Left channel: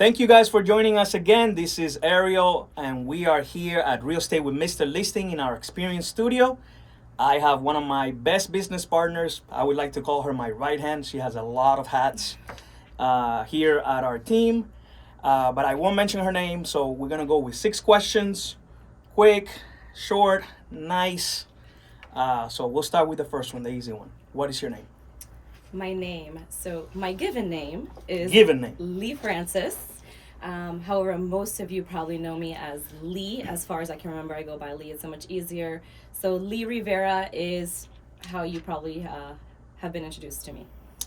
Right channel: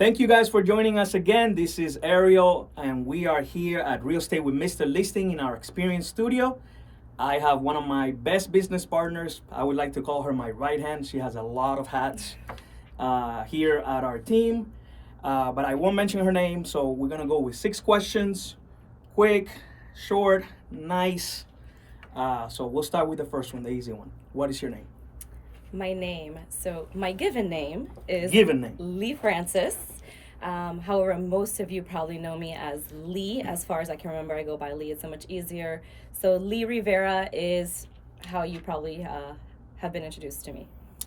Thank you guys for joining us again. This is Ariel, and we are here at Real Estate with Mr. Listing in our experience studio. I have one of my best business partners. I would like to call her my right hand. She has a lot of hats here at our team, but I won't mention her name. So we're gonna go with 6 questions, quick, short, nice. So we'll start with the first one, the easy one. What is your name? My given name is Given name. Lee Francis. However, most of you probably know me as Lee. As far as I can remember, I go by Lee. It's so much easier. So Lee Rivera is how you probably have been introduced to me.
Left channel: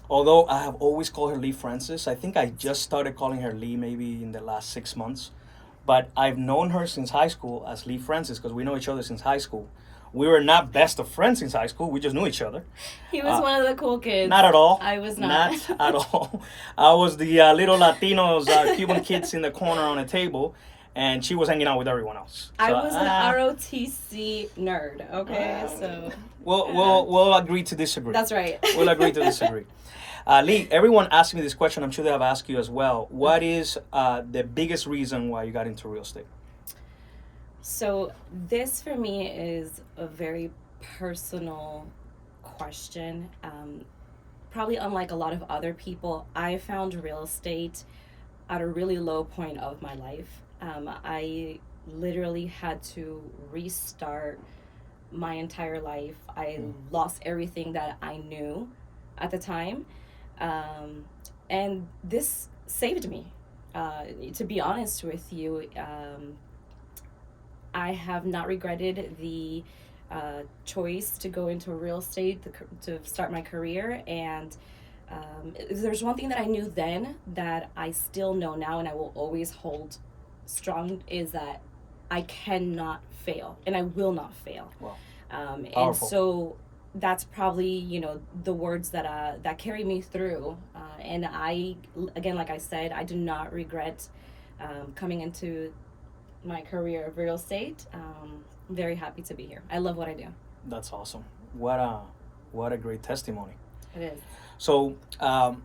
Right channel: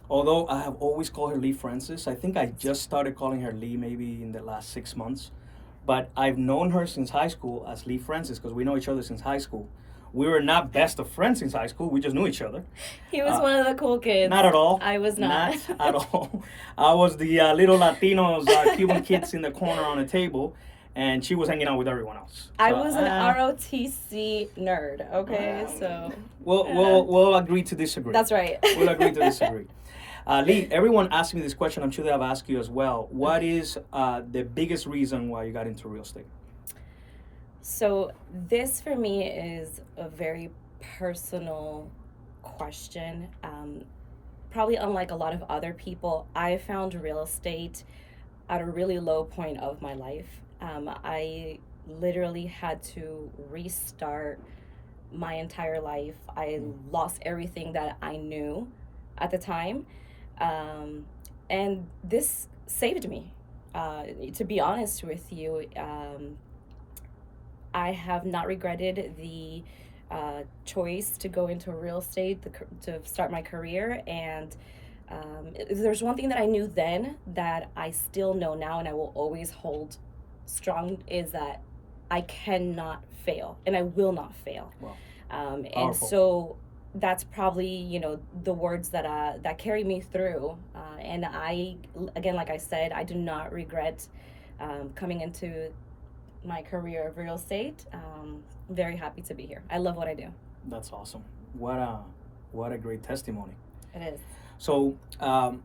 Although I have always called her Lee Francis, I think I just started calling her Lee maybe in the last 6 months. But I've known her since high school as Lee Francis because we know each other since high school. We were not best of friends since high school. We just knew each other. He was one of the cool kids. Not at all. I was not. Not at all. I was the little Latinos, Cuban kids in the corner on a table, and she was hanging out with everyone else. I was an ROTC nerd. Okay, so we'll agree to disagree. That's right. We'll agree to disagree. Lee, everyone asked me this question. I'm sure they have asked you as well. What is the biggest reason why you got into real estate? So this for me is a very personal question. Probably unlike a lot of other people, I found real estate at a really low point of my life. I literally had to restart my entire life. I lost everything that I knew at the time. And this saved me. To be honest with you, I have not regretted the choice to go into real estate, to start my career. And if there's one thing that I knew then that I still know now and I will always hold strong is that I cannot fail and I will not fail. Wow. And so that's probably, the words that carry me through. And I, again, like I said, I do not regret coming into my career of real estate. Very happy to be here. I love what I do. That's awesome. What a great testimony. It is. So, a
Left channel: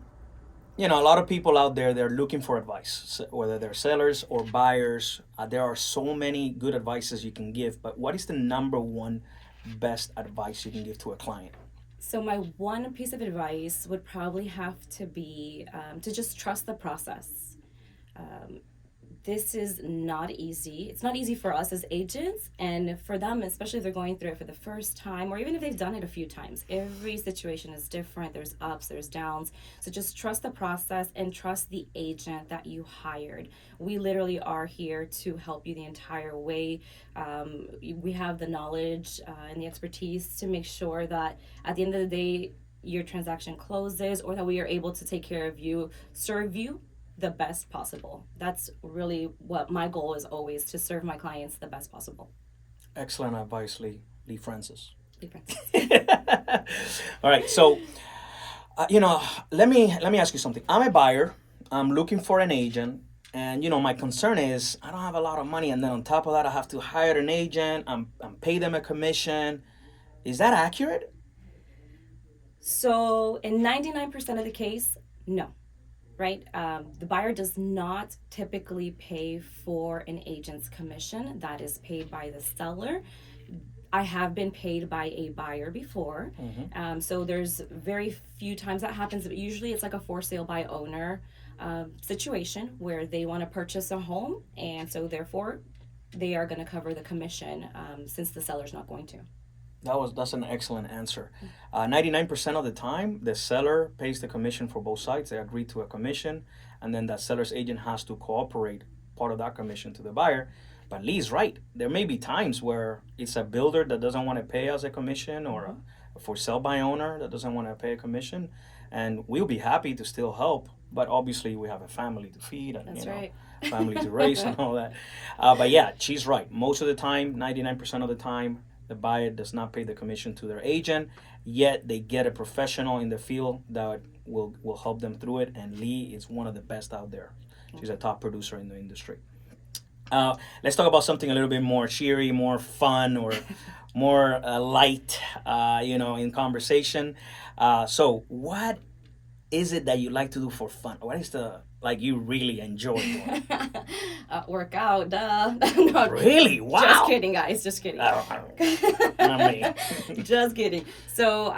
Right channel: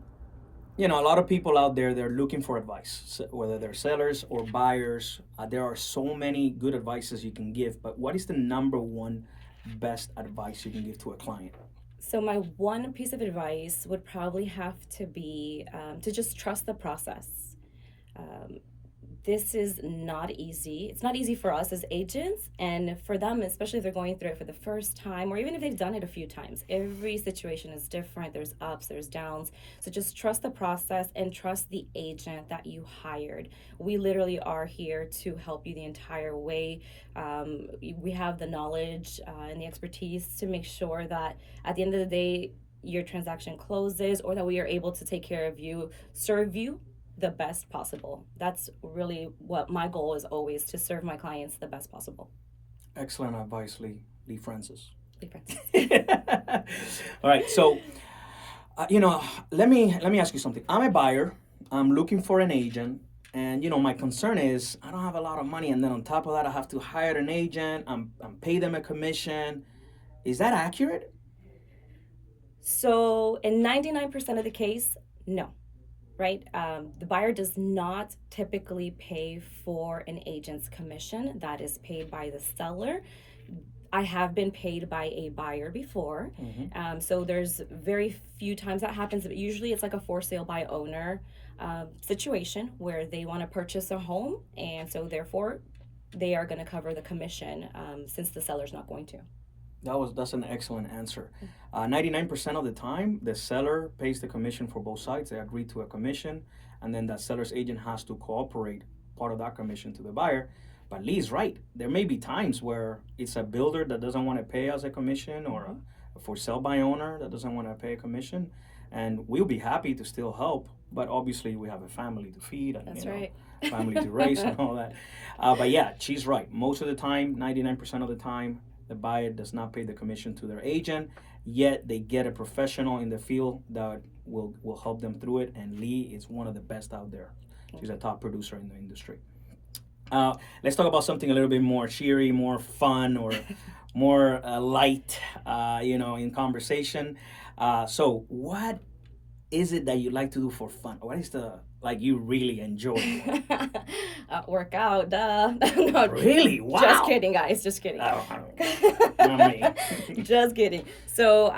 lot of people out there, they're looking for advice, whether they're sellers or buyers. There are so many good advices you can give, but what is the number one best advice you can give to a client? So my one piece of advice would probably have to be to just trust the process. This is not easy. It's not easy for us as agents, and for them, especially if they're going through it for the first time, or even if they've done it a few times. Every situation is different. There's ups, there's downs. So just trust the process and trust the agent that you hired. We literally are here to help you the entire way. We have the knowledge and the expertise to make sure that at the end of the day, your transaction closes, or that we are able to take care of you, serve you the best possible. That's really what my goal is, always to serve my clients the best possible. Excellent advice, Lee Francis. Lee Francis. All right, so let me ask you something. I'm a buyer. I'm looking for an agent, and my concern is I don't have a lot of money, and then on top of that, I have to hire an agent. I'm pay them a commission. Is that accurate? So in 99% of the case, no. Right? The buyer does not typically pay for an agent's commission. That is paid by the seller. I have been paid by a buyer before. Mm-hmm. So there's very few times that happens, but usually it's like a for sale by owner situation where they want to purchase a home, and so therefore they are going to cover the commission since the seller's not going to. That's an excellent answer. 99% of the time, the seller pays the commission for both sides. They agree to a commission, and then that seller's agent has to cooperate part of that commission to the buyer. But Lee's right. There may be times where it's a builder that doesn't want to pay us a commission, or a for sale by owner that doesn't want to pay a commission, and we'll be happy to still help. But obviously, we have a family to feed and That's right. family to raise and all that. But yeah, she's right. Most of the time, 99% of the time, the buyer does not pay the commission to their agent, yet they get a professional in the field that will help them through it. And Lee is one of the best out there. She's a top producer in the industry. Let's talk about something a little bit more cheery, more fun, or more light, in conversation. So what is it that you like to do for fun? What is the like you really enjoy it? Work out, duh. No, Really? Wow. just kidding, guys. Just kidding. Oh, not me. Just kidding. So,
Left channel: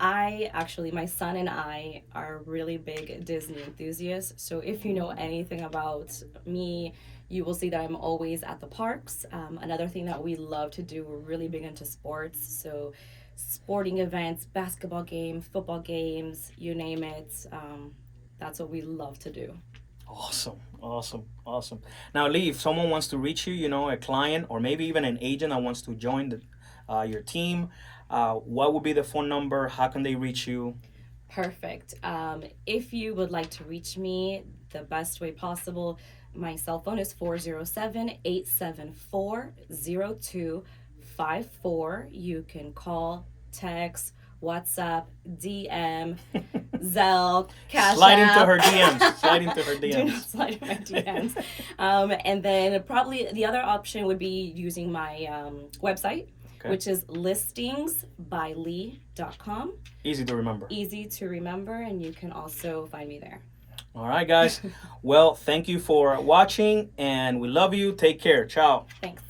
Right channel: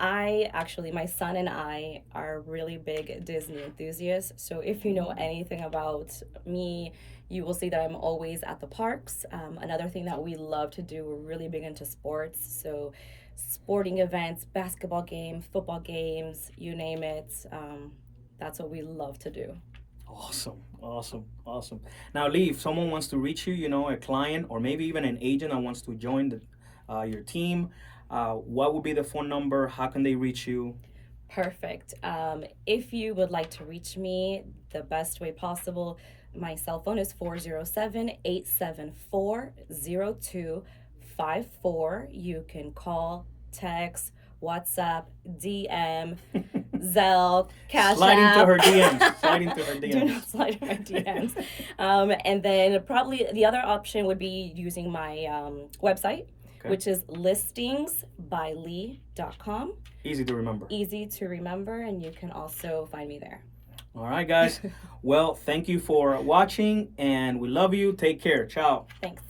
I actually, my son and I are really big Disney enthusiasts. So, if you know anything about me, you will see that I'm always at the parks. Another thing that we love to do, we're really big into sports. So, sporting events, basketball games, football games, you name it. That's what we love to do. Awesome, awesome, awesome. Now, Lee, if someone wants to reach you, a client or maybe even an agent that wants to join your team, what would be the phone number? How can they reach you? Perfect. If you would like to reach me the best way possible, my cell phone is 407-874-0254. You can call, text, WhatsApp, DM, Zelle, Cash Slide into App. her DMs. Slide into her Do not DMs. slide in my DMs. And then probably the other option would be using my website, Okay. which is listingsbylee.com. Easy to remember. Easy to remember, and you can also find me there. All right, guys. Well, thank you for watching, and we love you. Take care. Ciao. Thanks.